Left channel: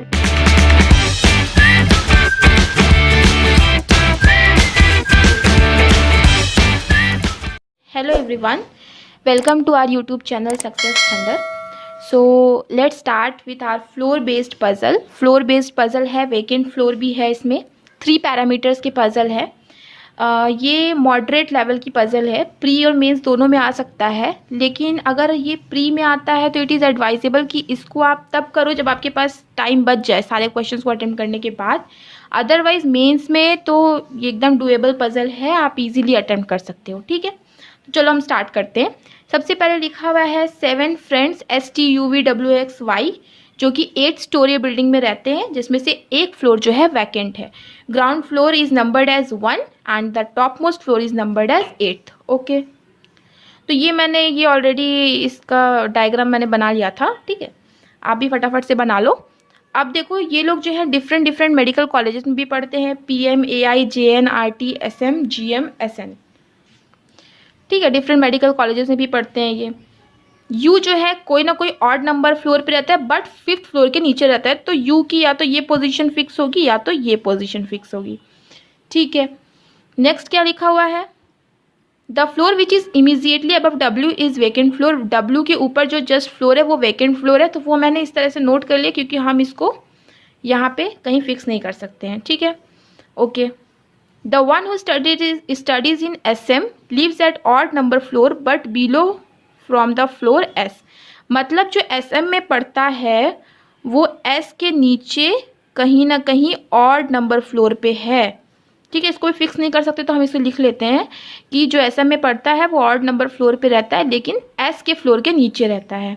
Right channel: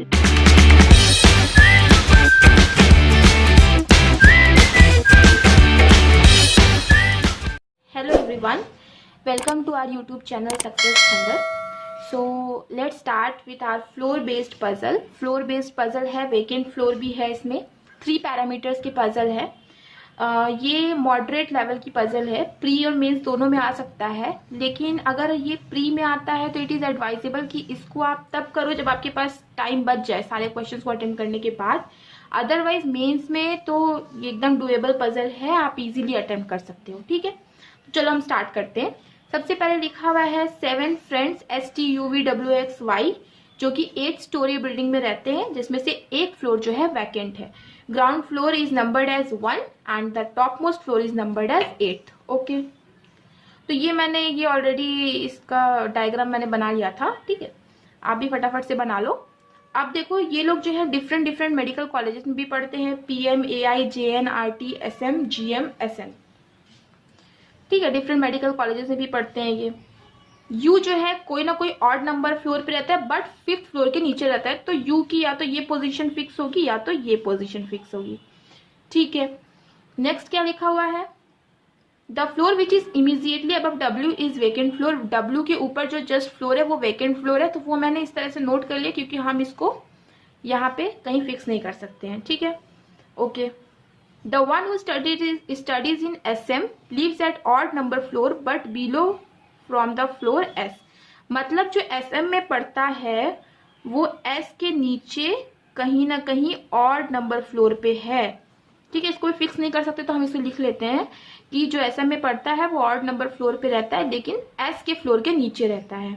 Hello everyone, welcome to our YouTube channel Success Thunder. So let's start with our floor based puzzle. Floor based puzzle है, vacant floor भी है, इसमें 3 parameters के puzzle है। ये moderate level की puzzle है, प्री और मेंस दोनों में आ सकता है, लेकिन अगर ये प्री में आता है तो इट इज़ एडवाइजेबल कि इसको आप तब करो जब आपके पास टाइम बच जाए सारे क्वेश्चंस को अटेम्प्ट करने के बाद। अदरवाइज मेंस में तो ये एकदम डुएबल पजल है, आप इजीली अटेम्प्ट कर सकते हो। ठीक है, तो चलो हम स्टार्ट करते हैं। सबसे पहले लिखा हुआ है 7 फ्रेंड्स STUVWXY जो कि 8 स्टोरी बिल्डिंग में रहते हैं, जिसमें से एक फ्लोर जो है वैकेंट है। Ground floor is numbered as 1 and the top most floor is numbered as 8। Okay, तो ये ऑलरेडी इसका डायग्राम मैंने बना लिया था। ठीक है, आप भी फटाफट से बना लो। अब देखो ये लोग जो है डिफरेंट मेडिकल कॉलेजेस में भी पढ़ते हैं, PM, AI, JN, RT, SM, GM, SN। ठीक है, डिफरेंट मेडिकल कॉलेजेस में भी पढ़ते हैं ये। यू जो है कोई ना कोई ऑड नंबर फ्लोर पे रहता है, बट 5th फ्लोर के नीचे रहता है, तो यू की या तो ये पोजीशन फिक्स होगी या तो ये पोजीशन फिक्स होगी। ठीक है, नेक्स्ट क्या लिखा हुआ है, the floor which is immediately above W is vacant floor. W के ऊपर जो जस्ट फ्लोर है वो वेकेंट फ्लोर है, तो वो मैंने इस तरह से नोट कर लिया क्योंकि हम इसको यहाँ पे कहीं फिक्स नहीं कर सकते हैं। ठीक है, okay. The one who studies in SM lives at odd number floor but below from the floor S। मतलब जो SM में पढ़ता है वो S के नीचे कहीं ना कहीं ऑड नंबर फ्लोर पे है। ठीक है, इसको भी फिक्स नहीं कर सकते तो हम इसे लिख लेते हैं कि जो SM में पढ़ता है वो ऑड नंबर फ्लोर पे रहता है, लेकिन S के फ्लोर के नीचे रहता है।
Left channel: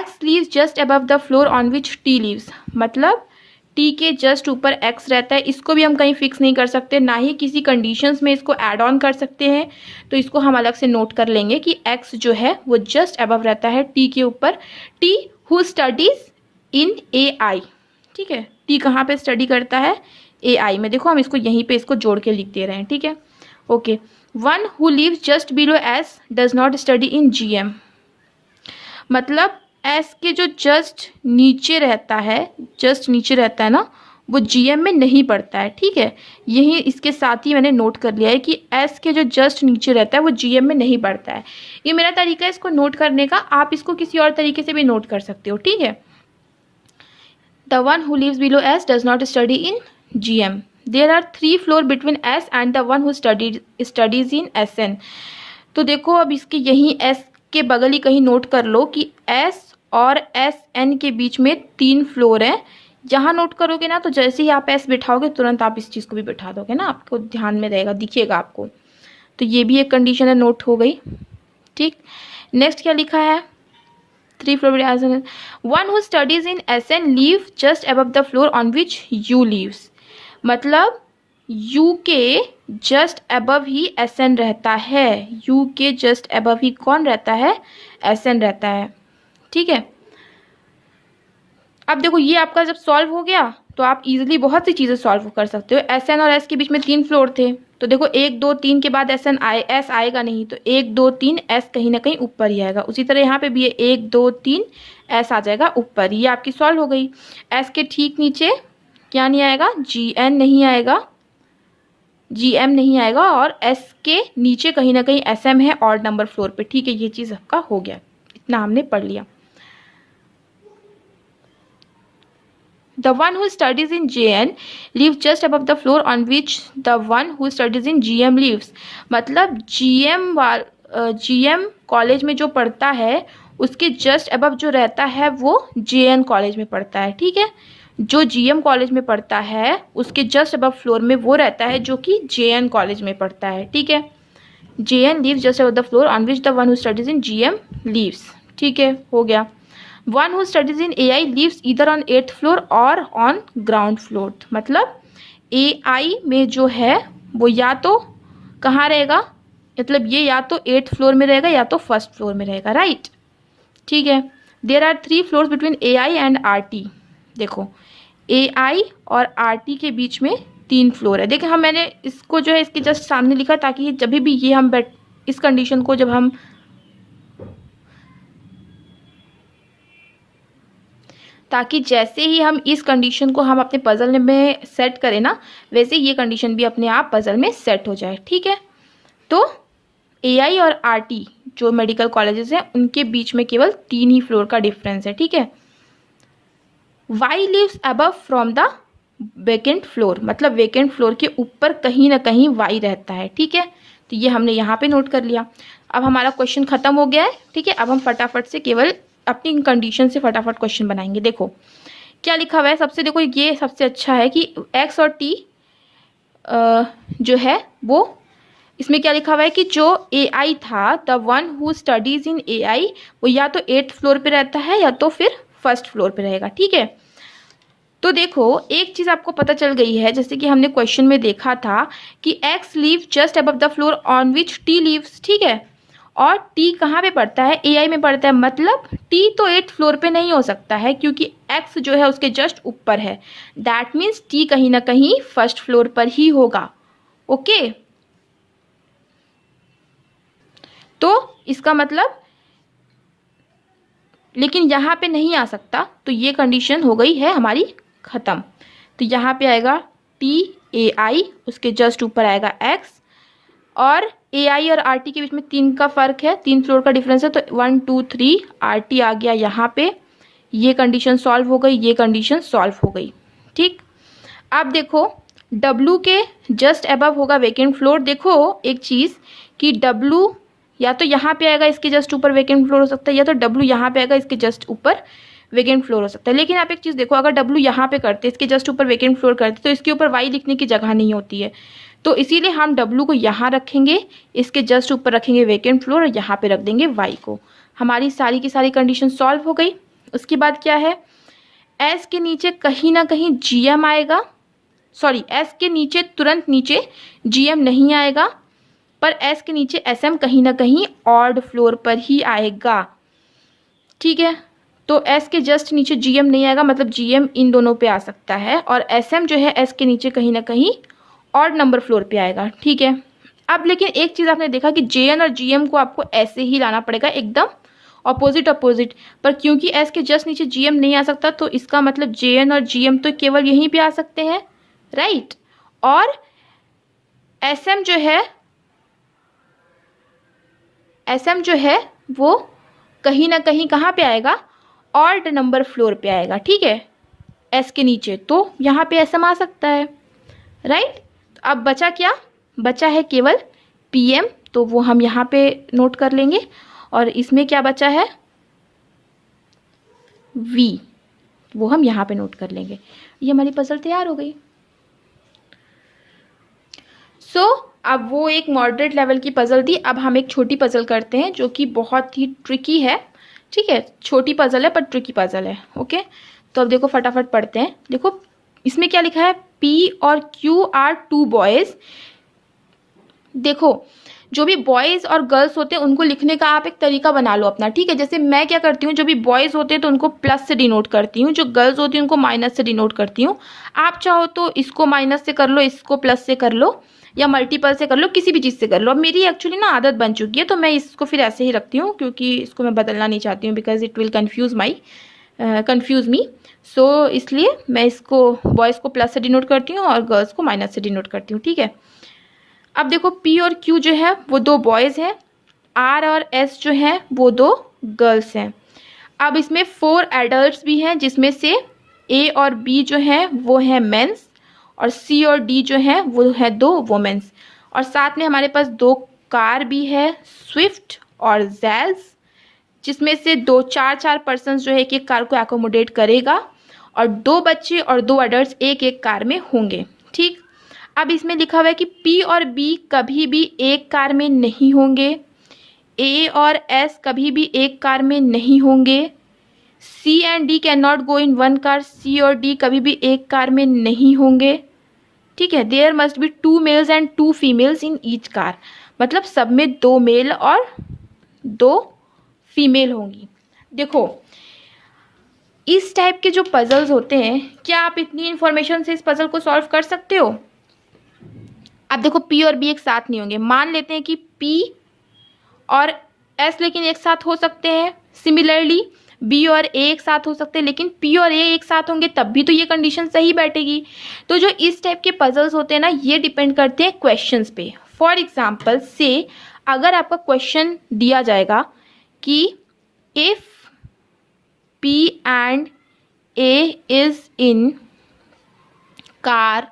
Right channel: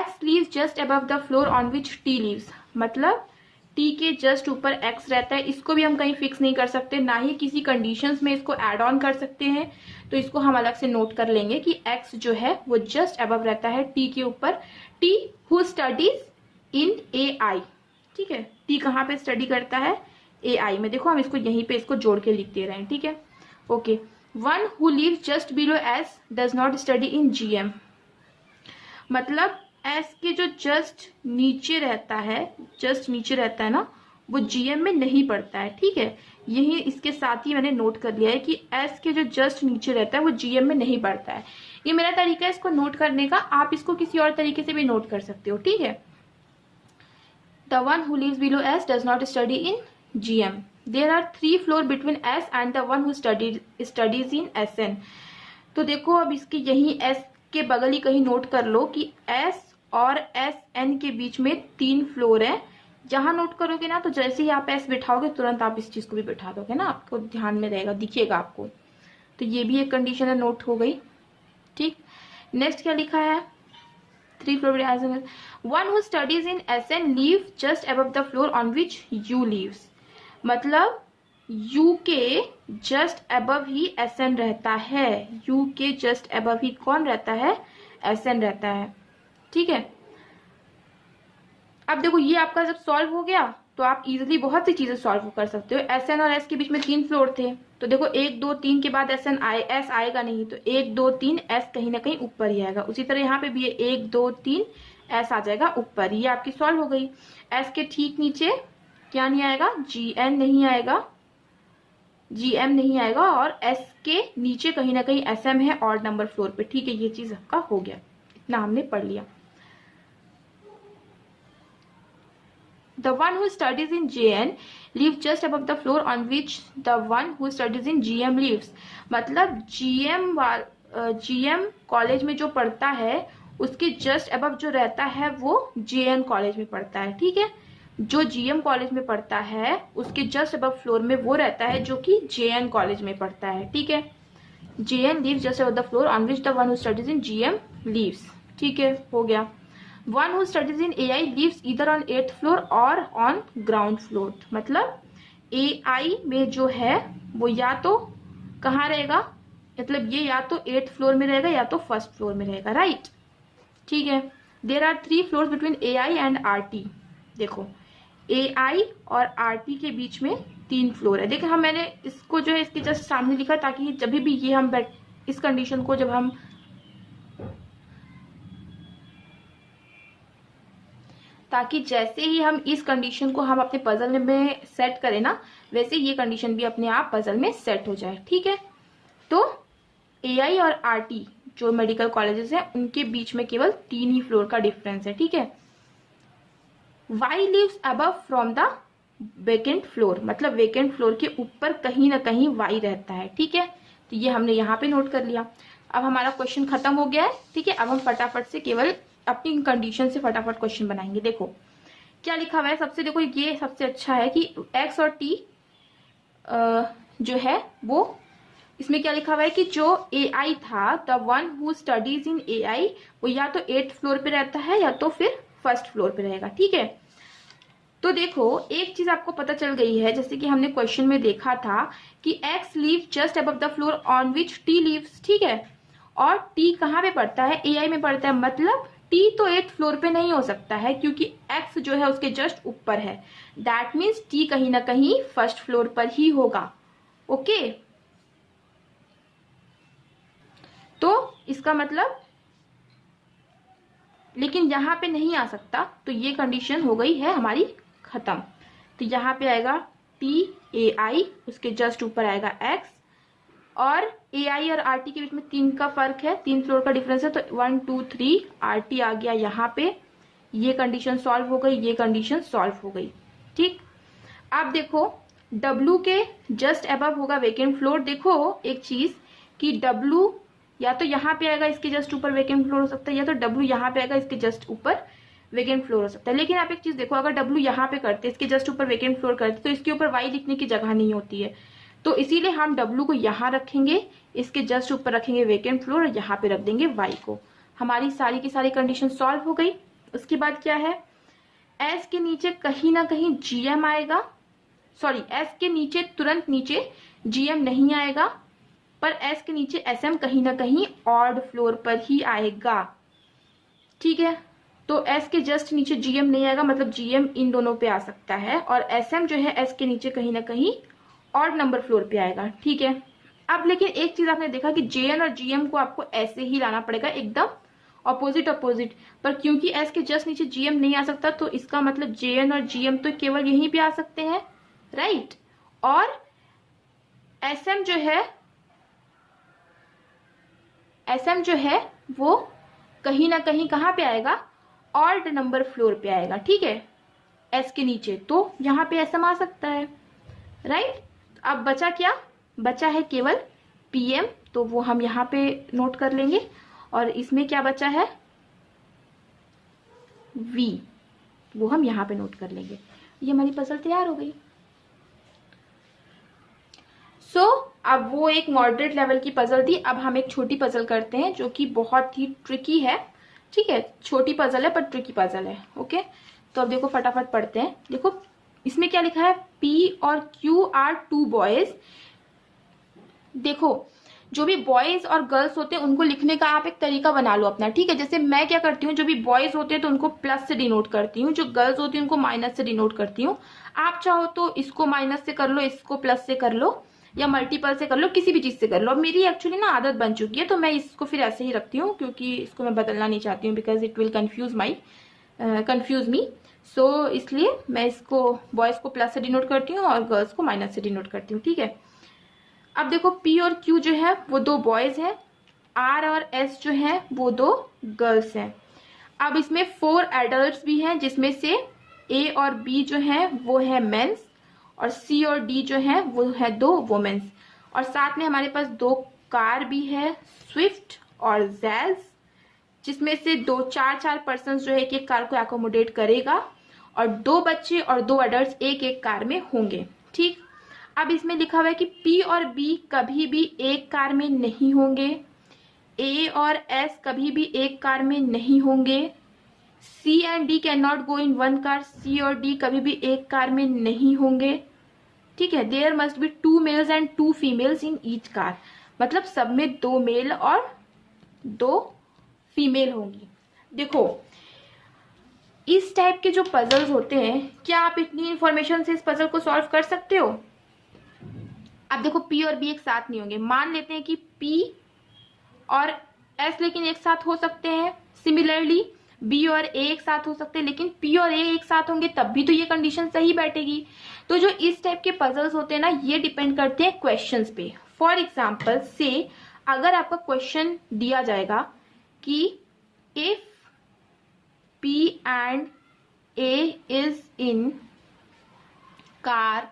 X lives just above the floor on which T lives। मतलब T के जस्ट ऊपर X रहता है, इसको भी हम कहीं फिक्स नहीं कर सकते, ना ही किसी कंडीशंस में इसको ऐड ऑन कर सकते हैं, तो इसको हम अलग से नोट कर लेंगे कि X जो है वो जस्ट अबव रहता है T के ऊपर। T who studies in AI। ठीक है, T कहाँ पे स्टडी करता है, AI में। देखो हम इसको यहीं पे इसको जोड़ के लिख दे रहे हैं। ठीक है, okay. One who lives just below S does not study in GM। मतलब S के जो जस्ट नीचे रहता है ना, वो GM में नहीं पड़ता है। ठीक है, यही इसके साथ ही मैंने नोट कर लिया है कि S के जो जस्ट नीचे रहता है वो GM में नहीं पड़ता है। ये मेरा तरीका है इसको नोट करने का, आप इसको किसी और तरीके से भी नोट कर सकते हो। ठीक है, the one who lives below S does not study in GM। There are 3 floor between S and the one who studies in SN। तो देखो अब इसके यहीं S के बगल ही कहीं नोट कर लो कि S और SN के बीच में 3 फ्लोर हैं। जहाँ नोट करोगे ना, तो जैसे ही आप S बिठाओगे तुरंत आप इस चीज़ को भी बिठा दोगे ना, आपको ध्यान में रहेगा, दिखेगा आपको। तो ये भी एक कंडीशन है, नोट हो गई। ठीक, नेक्स्ट क्या लिखा है, 3 floor. One who studies in SN leave just above the floor on which you leaves. मतलब U के जस्ट अबव ही SN रहता है। U के जस्ट अबव ही कौन रहता है, SN रहता है। ठीक है, अब देखो ये आपका जब सॉल्व हो गया तो आप इजीली बहुत सी चीज़ें सॉल्व कर सकते हो। SN और S के बीच में 3 फ्लोर थे, तो देखो 1 2 3 के बाद S आएगा नहीं, तो 1 2 3 S कहीं ना कहीं ऊपर ही आएगा। उसी तरह यहाँ पे भी है 1 2 3 S आ जाएगा ऊपर। ये आपकी सॉल्व हो गई। S के ठीक नीचे क्या नहीं आएगा, GN नहीं आएगा, GM नहीं आएगा, और S के नीचे कहीं ना कहीं SM है ऑड नंबर फ्लोर पे। ठीक है, ये चीज़ आपका हो गया, इतना हमने पढ़ लिया। The one who studies in JN lives just above the floor on which the one who studies in GM lives। मतलब GM कॉलेज में जो पढ़ता है उसके जस्ट अबव जो रहता है वो JN कॉलेज में पढ़ता है। ठीक है, जो GM कॉलेज में पढ़ता है उसके जस्ट अबव फ्लोर में वो रहता है जो कि JN कॉलेज में पढ़ता है। ठीक है, JN lives just above the floor on which the one who studies in GM lives। ठीक है, हो गया। One who studies in AI lives either on 8th floor और ऑन ग्राउंड फ्लोर। मतलब AI में जो है वो या तो कहाँ रहेगा, मतलब ये या तो 8th फ्लोर में रहेगा या तो 1st फ्लोर में रहेगा। राइट, ठीक है। There are 3 floors between AI and RT। देखो AI और RT के बीच में 3 फ्लोर है। देखिए हम मैंने इसको जो है इसके जस्ट सामने लिखा ताकि जब भी ये हम इस कंडीशन को जब हम ताकि जैसे ही हम इस कंडीशन को हम अपने पजल में सेट करें ना, वैसे ये कंडीशन भी अपने आप पजल में सेट हो जाए। ठीक है, तो एआई और आरटी जो मेडिकल कॉलेजेस हैं उनके बीच में केवल 3 ही फ्लोर का डिफरेंस है। ठीक है, Y lives above from the vacant floor, मतलब वेकेंट फ्लोर के ऊपर कहीं ना कहीं वाई रहता है। ठीक है, तो ये हमने यहाँ पे नोट कर लिया। अब हमारा क्वेश्चन खत्म हो गया है। ठीक है, अब हम फटाफट से केवल अपनी कंडीशन से फटाफट क्वेश्चन बनाएंगे। देखो क्या लिखा हुआ है सबसे, देखो ये सबसे अच्छा है कि एक्स और टी जो है वो, इसमें क्या लिखा हुआ है कि जो एआई था, the one who studies in AI, वो या तो 8th फ्लोर पे रहता है या तो फिर 1st फ्लोर पे रहेगा। ठीक है, तो देखो एक चीज आपको पता चल गई है, जैसे कि हमने क्वेश्चन में देखा था कि x leave just above the floor on which tea leaves. ठीक है, और टी कहाँ पे पड़ता है, एआई में पड़ता है, मतलब टी तो 8th फ्लोर पे नहीं हो सकता है क्योंकि एक्स जो है उसके जस्ट ऊपर है। दैट मीन्स टी कहीं ना कहीं 1st फ्लोर पर ही होगा। ओके, तो इसका मतलब, लेकिन यहाँ पे नहीं आ सकता, तो ये कंडीशन हो गई है हमारी खत्म। तो यहाँ पे आएगा टी ए आई, उसके जस्ट ऊपर आएगा एक्स, और ए आई और आर टी के बीच में 3 का फर्क है, 3 फ्लोर का डिफरेंस है, तो 1 2 3 आर टी आ गया यहाँ पे। ये कंडीशन सॉल्व हो गई, ये कंडीशन सॉल्व हो गई। ठीक, अब देखो डब्लू के जस्ट अबव होगा वेकेंट फ्लोर। देखो एक चीज कि डब्लू या तो यहाँ पे आएगा इसके जस्ट ऊपर वेकेंट फ्लोर हो सकता है, या तो डब्लू यहाँ पे आएगा इसके जस्ट ऊपर वेकेंट फ्लोर हो सकता है। लेकिन आप एक चीज देखो, अगर डब्लू यहाँ पे करते, इसके जस्ट ऊपर वेकेंट फ्लोर करते, तो इसके ऊपर वाई लिखने की जगह नहीं होती है, तो इसीलिए हम डब्लू को यहाँ रखेंगे, इसके जस्ट ऊपर रखेंगे वेकेंट फ्लोर और यहाँ पे रख देंगे वाई को। हमारी सारी की सारी कंडीशन सॉल्व हो गई। उसके बाद क्या है, एस के नीचे कहीं ना कहीं जीएम आएगा, सॉरी एस के नीचे तुरंत नीचे जीएम नहीं आएगा, पर एस के नीचे एसएम कहीं ना कहीं ऑड फ्लोर पर ही आएगा। ठीक है, तो एस के जस्ट नीचे जीएम नहीं आएगा, मतलब जीएम इन दोनों पे आ सकता है, और एसएम जो है एस के नीचे कहीं ना कहीं ऑड नंबर फ्लोर पे आएगा। ठीक है, अब लेकिन एक चीज आपने देखा कि जेएन और जीएम को आपको ऐसे ही लाना पड़ेगा, एकदम अपोजिट अपोजिट, पर क्योंकि एस के जस्ट नीचे जीएम नहीं आ सकता, तो इसका मतलब जेएन और जीएम तो केवल यहीं पे आ सकते हैं, राइट। और एसएम जो है वो कहीं ना कहीं कहाँ पे आएगा, ऑड नंबर फ्लोर पे आएगा। ठीक है, एस के नीचे, तो यहाँ पे एसएम आ सकता है, राइट। अब बचा क्या, बचा है केवल पीएम, तो वो हम यहाँ पे नोट कर लेंगे, और इसमें क्या बचा है वी, वो हम यहाँ पे नोट कर लेंगे। ये हमारी पजल तैयार हो गई। अब वो एक मॉडरेट लेवल की पजल थी, अब हम एक छोटी पजल करते हैं जो कि बहुत ही ट्रिकी है। ठीक है, छोटी पजल है पर ट्रिकी पजल है। ओके, तो अब देखो फटाफट पढ़ते हैं। देखो इसमें क्या लिखा है, पी और क्यू आर 2 बॉयज। देखो जो भी बॉयज और गर्ल्स होते हैं उनको लिखने का आप एक तरीका बना लो अपना। ठीक है, जैसे मैं क्या करती हूँ, जो भी बॉयज होते हैं तो उनको प्लस से डिनोट करती हूँ, जो गर्ल्स होती हैं उनको माइनस से डिनोट करती हूँ। आप चाहो तो इसको माइनस से कर लो, इसको प्लस से कर लो, या मल्टीपल से कर लो, किसी भी चीज़ से कर लो। अब मेरी एक्चुअली ना आदत बन चुकी है, तो मैं इसको फिर ऐसे ही रखती हूँ, क्योंकि इसको मैं बदलना नहीं चाहती हूँ, बिकॉज इट विल कन्फ्यूज़ मी। सो इसलिए मैं इसको बॉयज़ को प्लस से डिनोट करती हूँ और गर्ल्स को माइनस से डिनोट करती हूँ। ठीक है, अब देखो पी और क्यू जो है वो 2 बॉयज़ हैं, आर और एस जो है वो 2 गर्ल्स हैं। अब इसमें 4 एडल्ट्स भी हैं, जिसमें से ए और बी जो है वो है मेंस, और सी और डी जो है वो है 2 वुमेन्स, और साथ में हमारे पास 2 कार भी है, स्विफ्ट और जैज, जिसमें से 4 पर्सन जो है एक कार को एकोमोडेट करेगा, और 2 बच्चे और 2 एडल्ट्स एक कार में होंगे। ठीक, अब इसमें लिखा हुआ है कि पी और बी कभी भी एक कार में नहीं होंगे, ए और एस कभी भी एक कार में नहीं होंगे, C and D can not go in 1 car, C और डी कभी भी एक कार में नहीं होंगे। ठीक है, there must be 2 males and 2 females in each car, मतलब सब में 2 मेल और 2 फीमेल होंगी। देखो इस टाइप के जो पजल्स होते हैं, क्या आप इतनी इंफॉर्मेशन से इस पजल को सॉल्व कर सकते हो? अब देखो पी और बी एक साथ नहीं होंगे, मान लेते हैं कि पी और एस लेकिन एक साथ हो सकते हैं। सिमिलरली बी और ए एक साथ हो सकते हैं, लेकिन पी और ए एक साथ होंगे तब भी तो ये कंडीशन सही बैठेगी। तो जो इस टाइप के पजल्स होते हैं ना, ये डिपेंड करते हैं क्वेश्चंस पे। फॉर एग्जांपल से अगर आपका क्वेश्चन दिया जाएगा कि if P and A is in car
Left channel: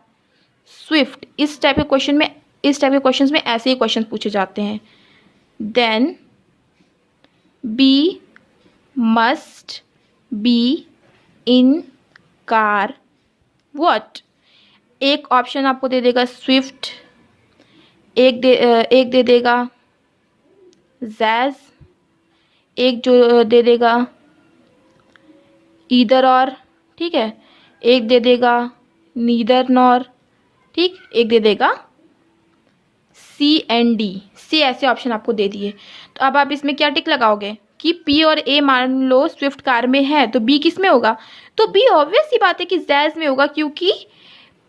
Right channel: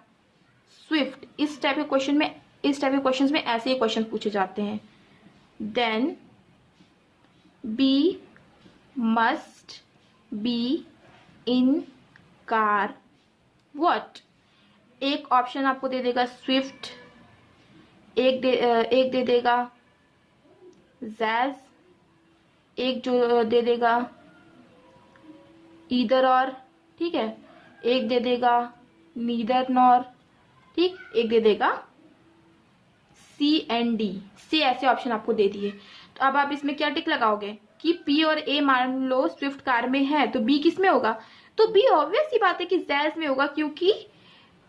Swift, इस टाइप के क्वेश्चंस में ऐसे ही क्वेश्चन पूछे जाते हैं। Then B must be in car what, एक ऑप्शन आपको दे देगा स्विफ्ट, एक दे देगा जैज, एक जो दे देगा ईदर और, ठीक है, एक दे देगा नीदर नॉर, ठीक, एक दे देगा सी एंड डी, सी ऐसे ऑप्शन आपको दे दिए। तो अब आप इसमें क्या टिक लगाओगे कि पी और ए मान लो स्विफ्ट कार में है, तो बी किस में होगा? तो बी ऑब्वियस सी बात है कि जैज में होगा, क्योंकि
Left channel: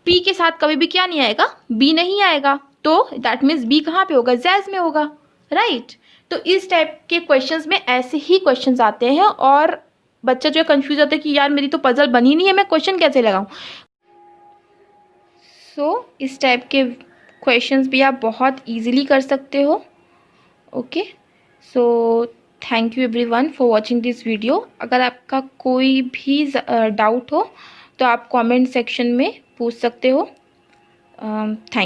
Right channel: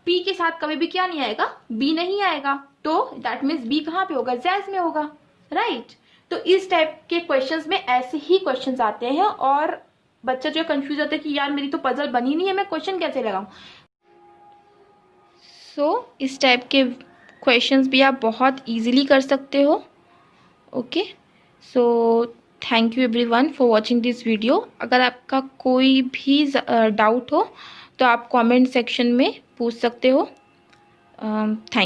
पी के साथ कभी भी क्या नहीं आएगा, बी नहीं आएगा। तो दैट मीन्स बी कहाँ पे होगा? जैज में होगा, राइट। तो इस टाइप के क्वेश्चंस में ऐसे ही क्वेश्चंस आते हैं और बच्चा जो है कंफ्यूज होता है कि यार मेरी तो पजल बनी नहीं है, मैं क्वेश्चन कैसे लगाऊं। सो इस टाइप के क्वेश्चंस भी आप बहुत इजीली कर सकते हो। Okay, so thank you everyone for watching this video. अगर आपका कोई भी डाउट हो तो आप कमेंट सेक्शन में पूछ सकते हो। थैंक